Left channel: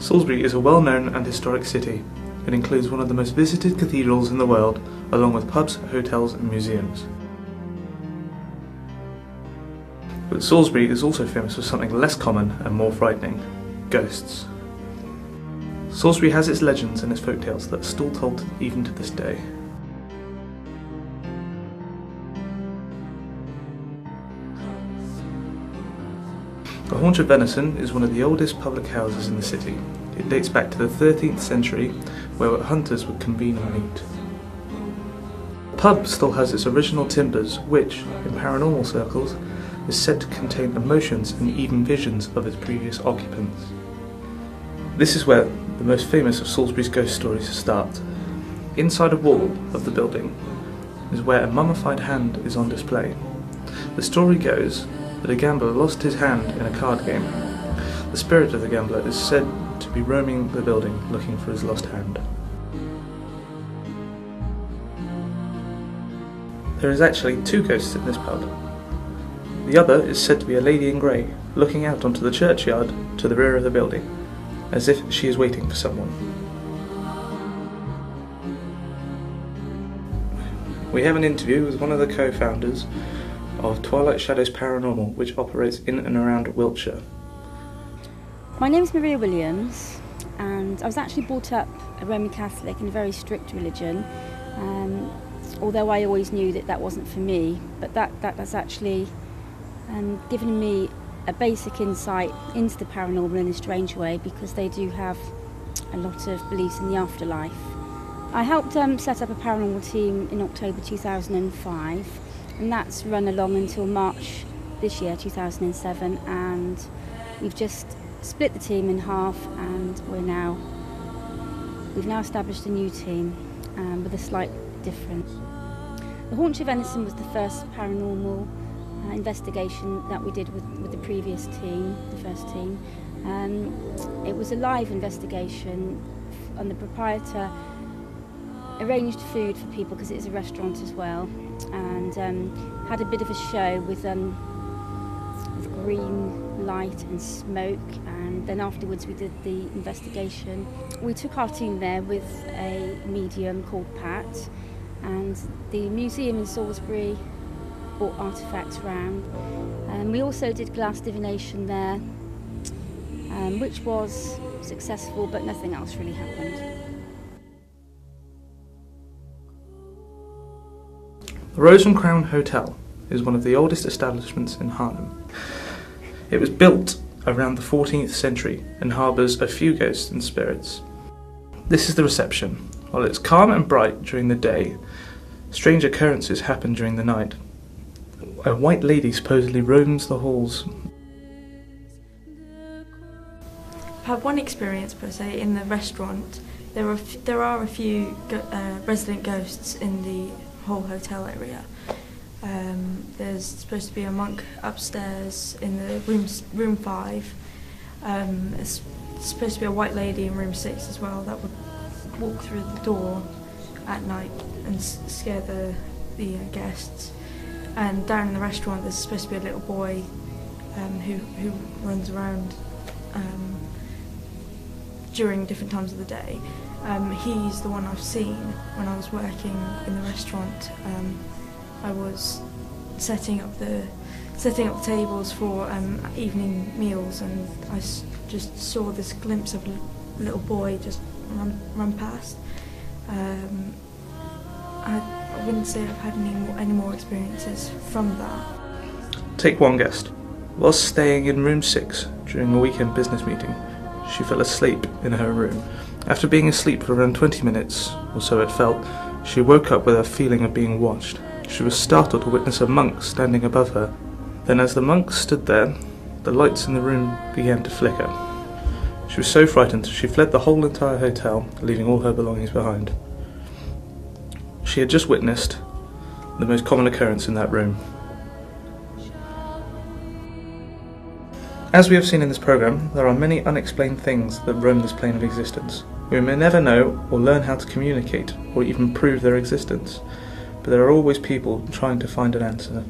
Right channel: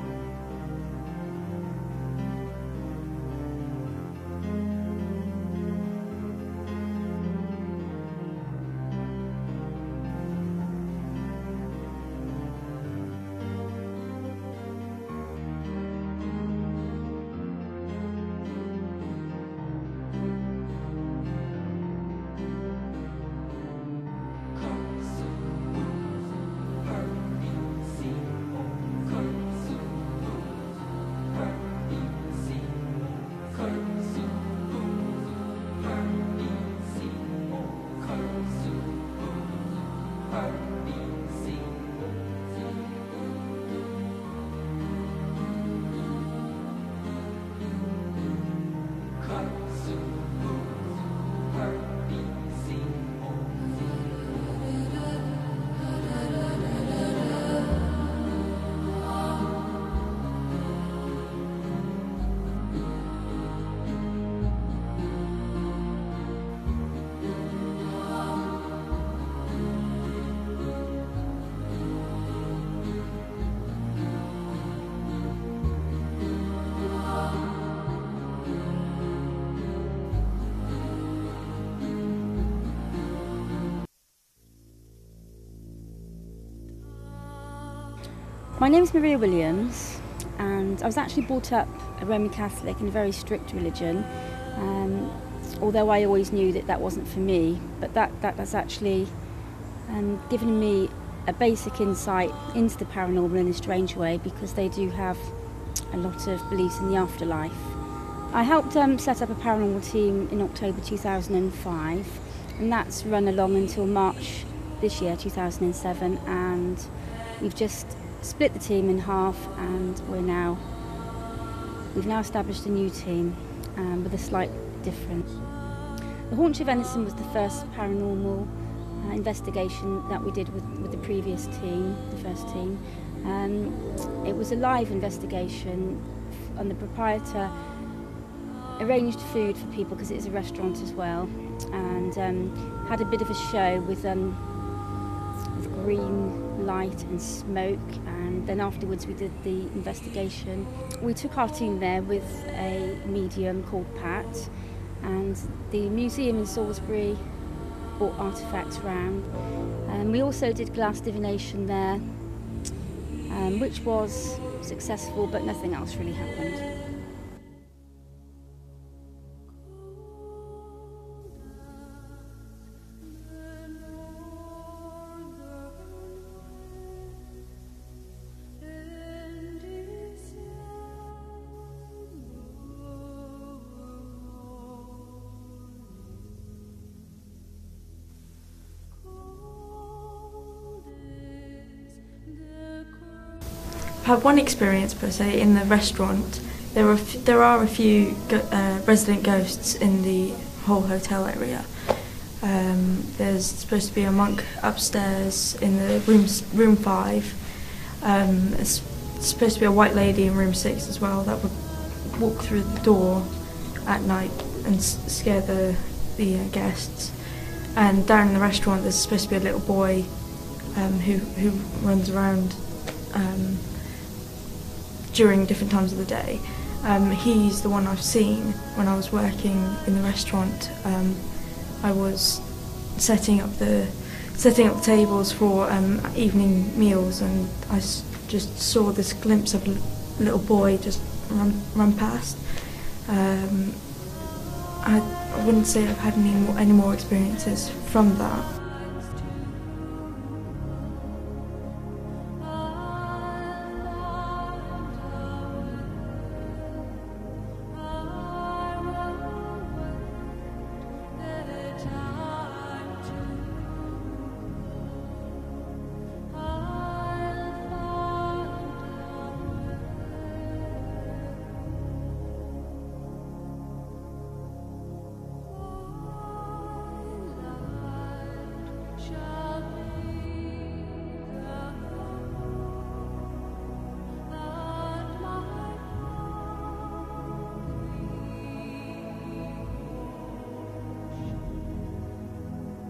Salisbury is a well-known and historic city. It includes one of the most visited cathedrals in the world, along with pubs, hotels and museums. But Salisbury is also famous for something less common and more frightening: ghosts. Salisbury has its legends and its folktales that are still told even to this day. The Haunch of Venison is one of the oldest public houses in the city. It dates back to the 13th century, where hunters would convene and meet. The pub still has its original timbers, which, in paranormal circles, is said to contain emotions and even visions of its previous occupants. This is where the most famous of Salisbury's ghost stories start. Inside a wall of the building is where a mummified hand is on display. The story goes that a gambler lost his hand in a card game. The spirit of the gambler is said to be roaming the building looking for his lost hand. There is actually two ghosts in this pub. The other is said to be a lady in grey, looking out onto the churchyard to the rear of the building, as if she is waiting for someone. We have an interview with one of the co-founders of Twilight Shadows Paranormal, which operates in and around Wiltshire. My name's Maria Williams, and I was actually brought up a Roman Catholic in a very strict religion, although I always knew that that wasn't for me, but that's actually given me a basic insight into the paranormal in a strange way, because they do have a lot of beliefs in the afterlife. I helped set up a paranormal team in October 2005, and that's run along until March this year, 2007, and we've just split the team in half, and we've now established a new team with a slight difference. The Haunch of Venison was the first paranormal investigation that we did with the previous team, the first team. It was a live investigation, and the proprietor arranged food for people because it is a restaurant as well, and had a bit of a show with green light and smoke, and then afterwards we did the investigation. We took our team there with a medium called Pat, and the museum in Salisbury brought artefacts round, and we also did glass divination there, which was successful, but nothing else really happened. The Rose and Crown Hotel is one of the oldest establishments in Harlem. It was built around the 14th century and harbours a few ghosts and spirits. This is the reception. While it's calm and bright during the day, strange occurrences happen during the night. A white lady supposedly roams the halls. I've had one experience per se in the restaurant. There are a few resident ghosts in the whole hotel area. There's supposed to be a monk upstairs in the room 5. It's supposed to be a white lady in room 6 as well that would walk through the door at night and scare the guests. And down in the restaurant there's supposed to be a little boy who runs around during different times of the day. He's the one I've seen when I was working in the restaurant. I was setting up the tables for evening meals, and I just saw this glimpse of a little boy just run past. I wouldn't say I've had any more experiences from that. Take one guest. Whilst staying in room 6 during a weekend business meeting, she fell asleep in her room. After being asleep for around 20 minutes, or so it felt, she woke up with a feeling of being watched. She was startled to witness a monk standing above her. Then as the monk stood there, the lights in the room began to flicker. She She was so frightened she fled the whole entire hotel, leaving all her belongings behind. She had just witnessed the most common occurrence in that room. As we have seen in this programme, there are many unexplained things that roam this plane of existence. We may never know or learn how to communicate or even prove their existence, but there are always people trying to find an answer.